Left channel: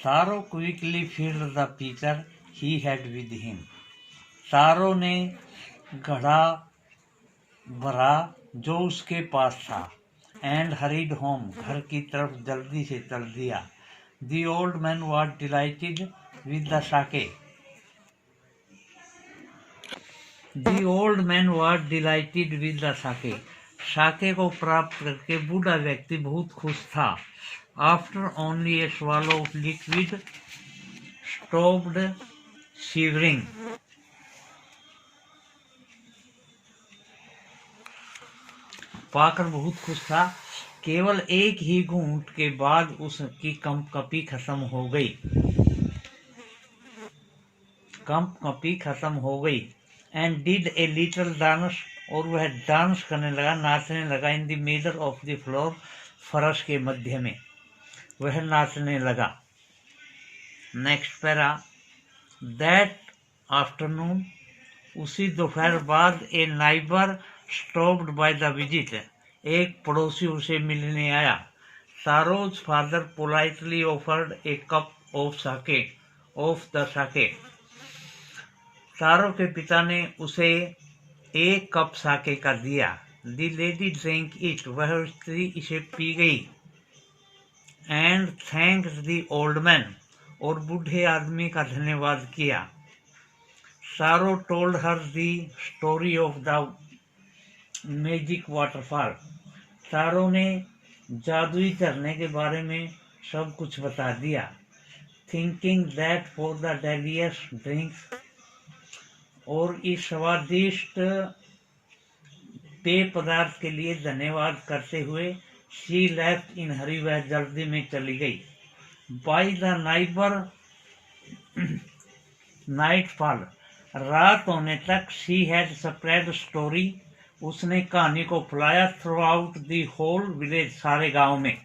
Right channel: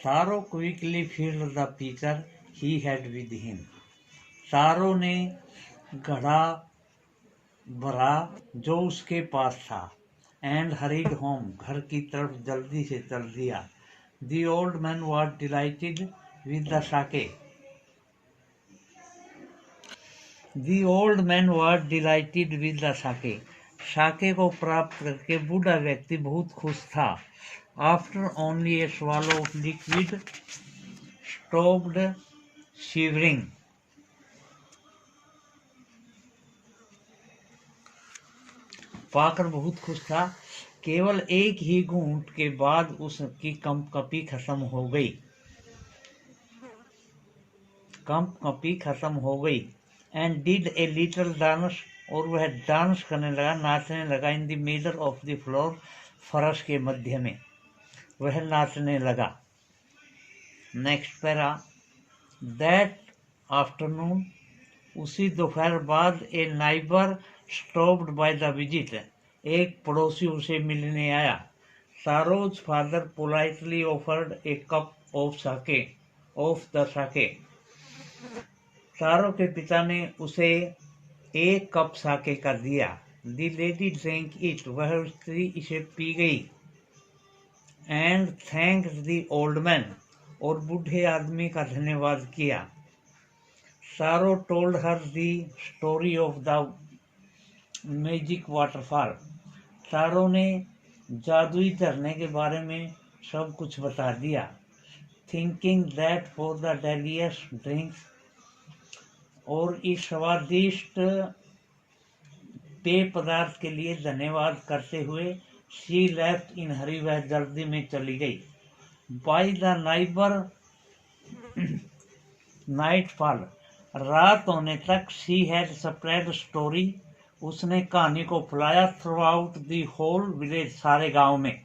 सारो quickly filled the पीकर he had with him. सारो ने घड़ा भरा जो उसके पास था, एंड हरीड होम, घर की तरफ जल्दी से चल दिया। The old man was delighted with the sake. The old man was delighted with the sake. Sake को प्राप्त करके बूढ़ा व्यक्ति बहुत खुश था। After only A swallow of liquid stopped shivering। पाकर बहुत खुश था। केवल एक ही घूंट के बाद उसकी कंपकपी खत्म हो गई। कंपकपी खत्म हो गई। And did a little dance, और वह डांस करने लगा, नाचने लगा। In the middle of the floor, फर्श के मध्य में वह नाचने लगा। Next para. दैट आफ्टरनून, उसी दोपहर बाद, a neighbour stopped by the visit, एक पड़ोसी उसे मिलने आया। Saro's father politely offered a cup of sake, of the sake. Saro के पिता ने उसे एक कप साके का दिया। द लेडी ड्रिंक इट, वह स्त्री इसे पी गई। And thanks the old man, और बूढ़े आदमी का धन्यवाद किया। सारो told her the story of the magic waterfall. सारो ने जादुई झरने के बारे में सब कुछ बता दिया। Thinking that for the delicious drinks, और इस स्वादिष्ट पेय पदार्थ के लिए धन्यवाद करते हुए शी लेफ्ट इन हरी, वह जल्दी में चली गई। बाय द नाइट फॉल, रात होने तक शी हैड स्प्रेड स्टोरी, उसने कहानी को फैलाया throughout the whole village, सारे गांव में।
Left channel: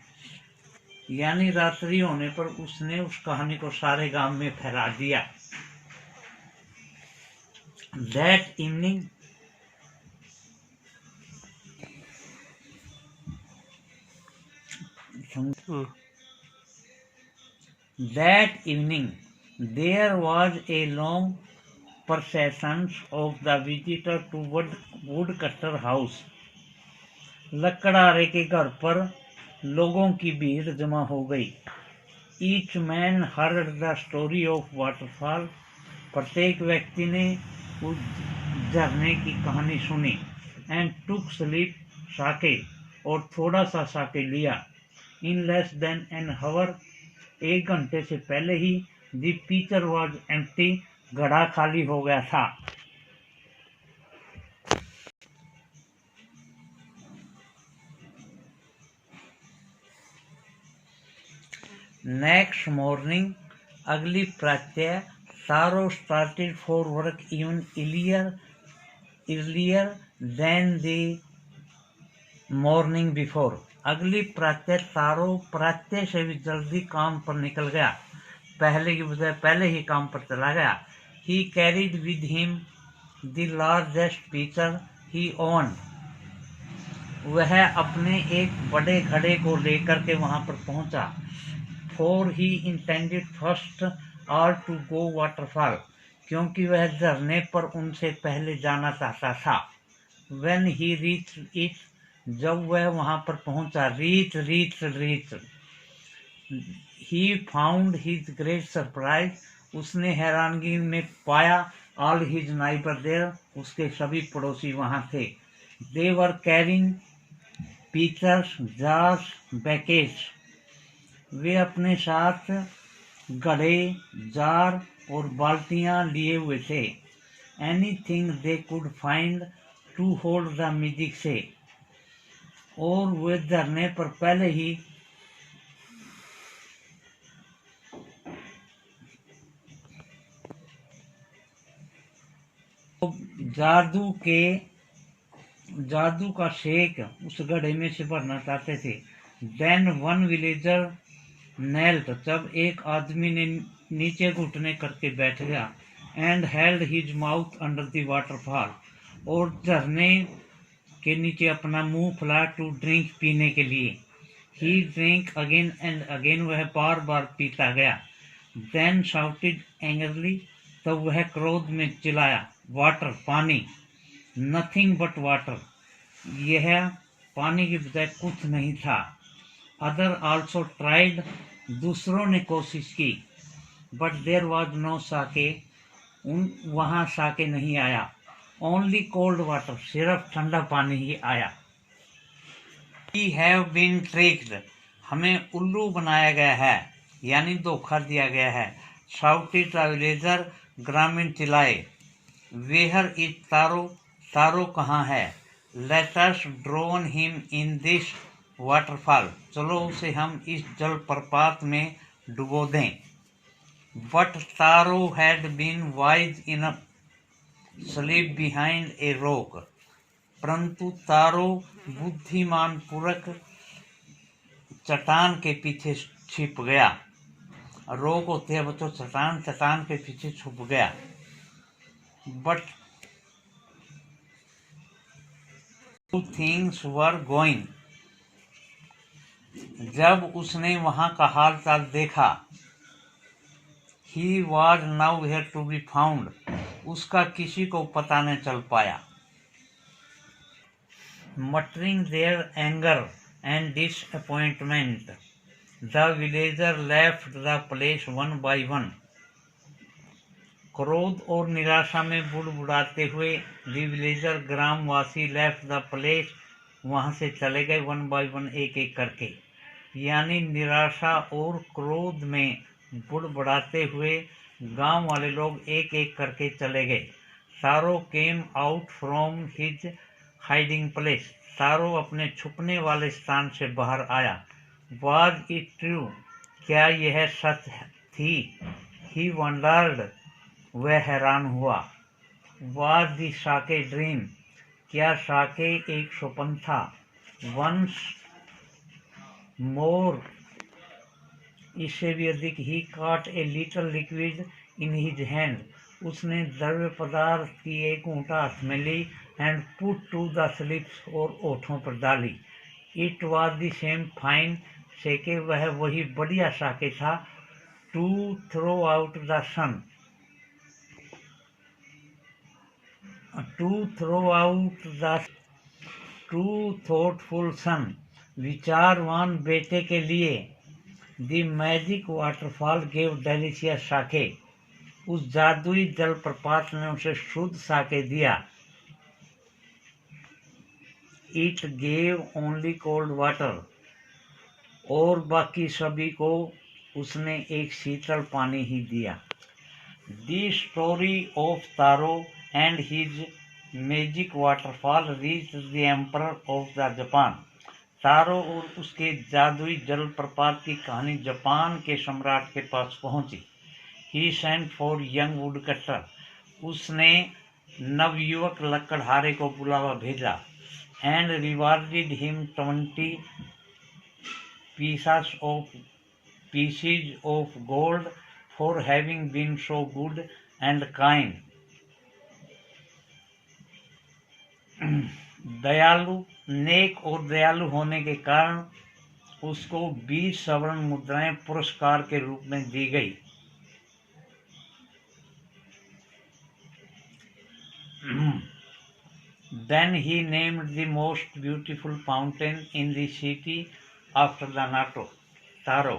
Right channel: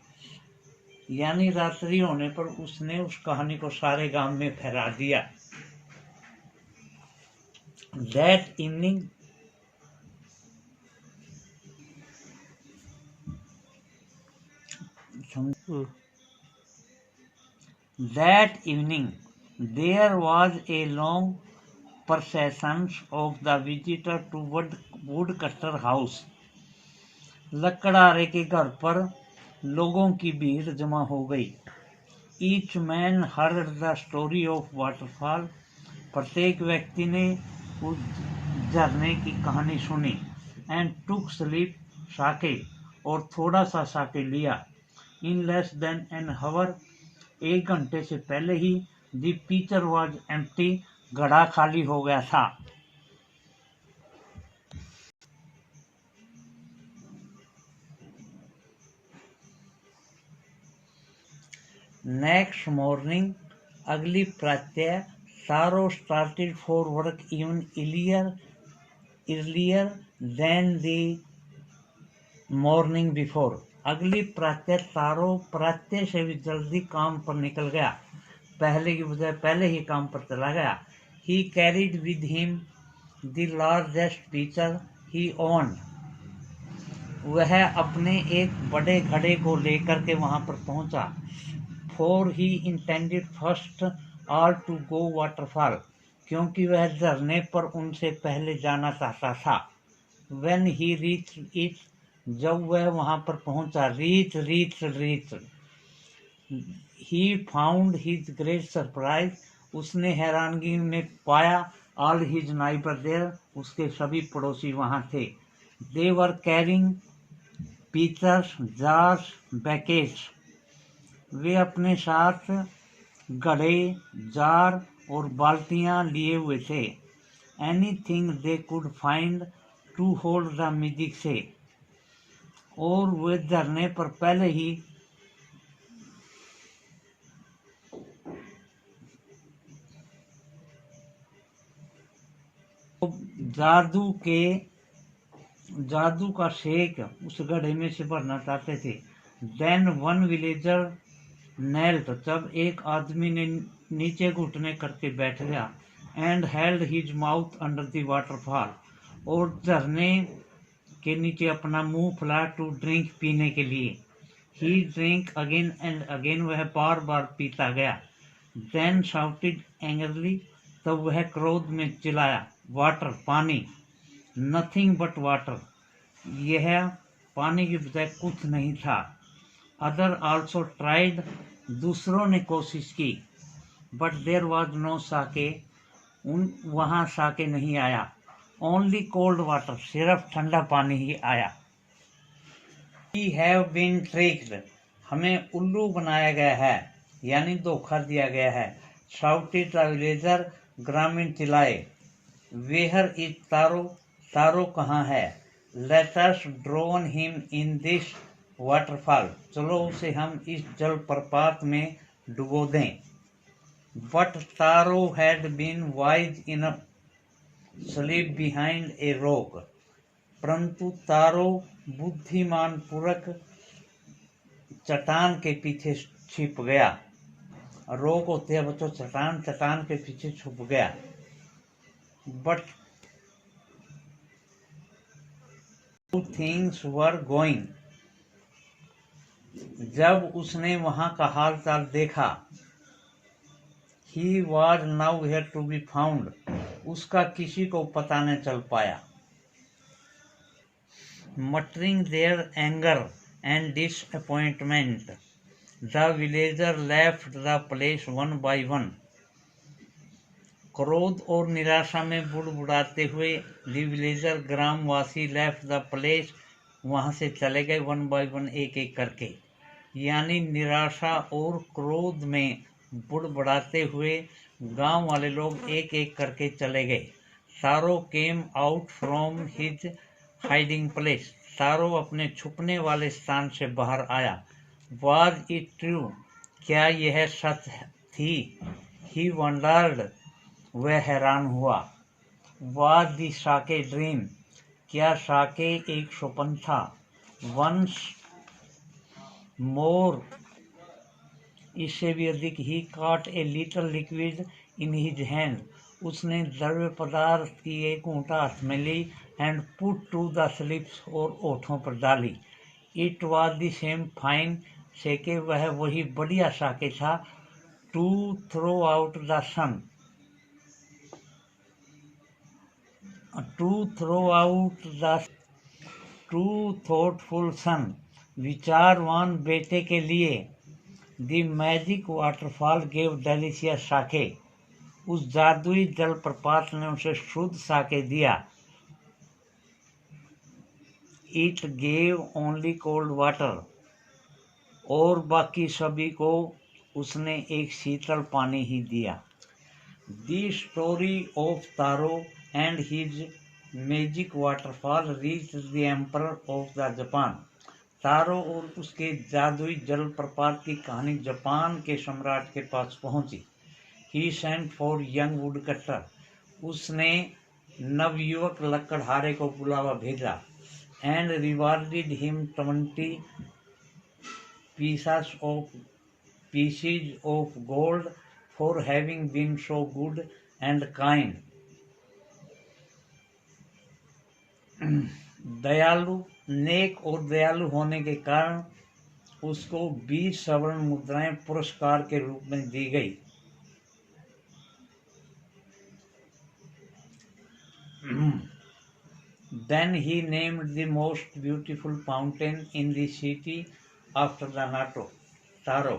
यानी रात्रि होने पर उसने उस कहानी को सारे गांव में फैला दिया। That evening, there was a long procession of the visitor to woodcutter house। लकड़हारे के घर पर लोगों की भीड़ जमा हो गई। Each man heard the story of waterfall, प्रत्येक व्यक्ति ने उस झरने की कहानी सुनी। एंड टुक स्लीप साके, और थोड़ा सा साके लिया। इन लेस देन एन हावर, एक घंटे से पहले ही द पीचर वॉज एम्प्टी, घड़ा खाली हो गया था। नेक्स्ट मॉर्निंग, अगली प्रातः, सारो started for work even earlier than the morning before। अगली प्रातः सारो प्रातः से भी जल्दी काम पर निकल गया, पहले की बजाय पहले ही काम पर चला गया। He carried with him the largest pitcher he owned। वह अपने एक बड़े घड़े को लेकर के वहां पर पहुंचा। For he intended first all to go waterfall, क्योंकि वह झरने पर उनसे पहले जाना चाहता था। When he reached it, जब वह वहां पर पहुंचा, reach, he found his great surprise, उसने हैरानगी में पाया all his neighbors there, उसके सभी पड़ोसी वहां थे। They were carrying pitchers, jars, buckets। वे अपने साथ घड़े, जार और बाल्टियां लिए हुए थे। Anything they could find to hold the magic से, और वे झरने पर पहले ही जादू का शेक उस घड़े में से भरना चाहते थे। Then one villager knelt, जब एक आदमी ने नीचे घुटने करके बैठ गया। And held his mouth under the waterfall, और झरने के नीचे अपना मुंह फैला टू ड्रिंक, पीने के लिए। He drank again and again, वह बार बार पीता गया। Then shouted angrily, तब वह क्रोध में चिल्लाया, वाटर पानी, नथिंग बट वाटर, यह पानी की बजाय कुछ नहीं था। अदर आल्सो ट्राइड, दूसरों ने कोशिश की, बट देयर वॉज नो साके, वहाँ साके नहीं आया। ओनली कोल्ड वाटर, सिर्फ ठंडा पानी ही आया। वी हैव बीन ट्रिक्ड, हमें उल्लू बनाया गया है, यानी धोखा दिया गया है। शाउटेड द विलेजर, ग्रामीण चिल्लाए। वेयर इज तारो, तारो कहाँ है। Let us drown him in this waterfall, चलो उसे हम इस जलप्रपात में डुबो दें। But Taro had been wise enough sleep behind a rock, परंतु तारो बुद्धिमान पूर्वक चट्टान के पीछे छिप गया। रॉक होते हैं बच्चों चट्टान, चट्टान के पीछे छुप गया। बट थिंग्स वर गोइंग, जब उसने वहां का हाल चाल देखा, he was nowhere to be found, उसका किसी को पता न चल पाया। Muttering their anger and disappointment, the villager left the place one by one, क्रोध और निराशा में बुड़बुड़ाते हुए द विलेजर, ग्रामवासी, लेफ्ट द प्लेस, वहां से चले गए, वन बाय वन, एक एक करके, यानी निराशा और क्रोध में बुड़बुड़ाते हुए गांव वाले लोग एक एक करके चले गए। Taro came out from his hiding place, Taro अपने छुपने वाले स्थान से बाहर आया। वाज इट ट्रू, क्या यह सच थी। ही वंडर्ड, वह हैरान हुआ। वाज दी साके ड्रीम, क्या साके एक स्वप्न था। वंस मोर, इससे भी अधिक, he caught a little liquid in his hand, उसने द्रव्य पदार्थ की एक घूंटा हाथ में ली, and put to the lips, और ओठों पर डाली। It was the same fine sake, वह वही बढ़िया साके था। To throw out the son, to throw out the too thoughtful son, विचारवान बेटे के लिए। The magic waterfall gave delicious sake, उस जादुई जलप्रपात ने उसे शुद्ध साके दिया। It gave only cold water, और बाकी सभी को उसने एक शीतल पानी ही दिया। The story of Taro and his magic waterfall reached the emperor of the Japan, Taro और उसके जादुई जलप्रपात की कहानी जापान के सम्राट के पास पहुंची। ही सेंट फॉर यंग वुडकटर, उसने नवयुवक लकड़हारे को बुलावा भेजा। And rewarded him 20 pieces of gold for having been so good and kind. दयालु, नेक और दयालु होने के कारण उसको 20 स्वर्ण मुद्राएं पुरस्कार के रूप में दी गई। Then he named the most beautiful fountain in the city after the तारो,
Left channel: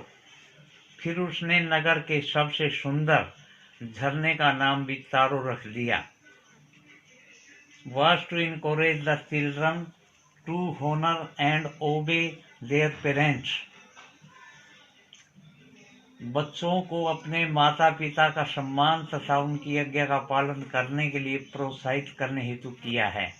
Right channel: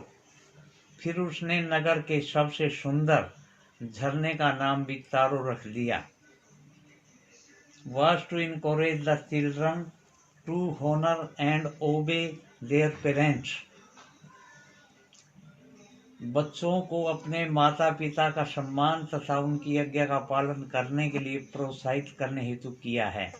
फिर उसने नगर के सबसे सुंदर झरने का नाम भी तारो रख दिया। Was to encourage the children to honor and obey their parents, बच्चों को अपने माता पिता का सम्मान तथा उनकी आज्ञा का पालन करने के लिए प्रोत्साहित करने हेतु किया है।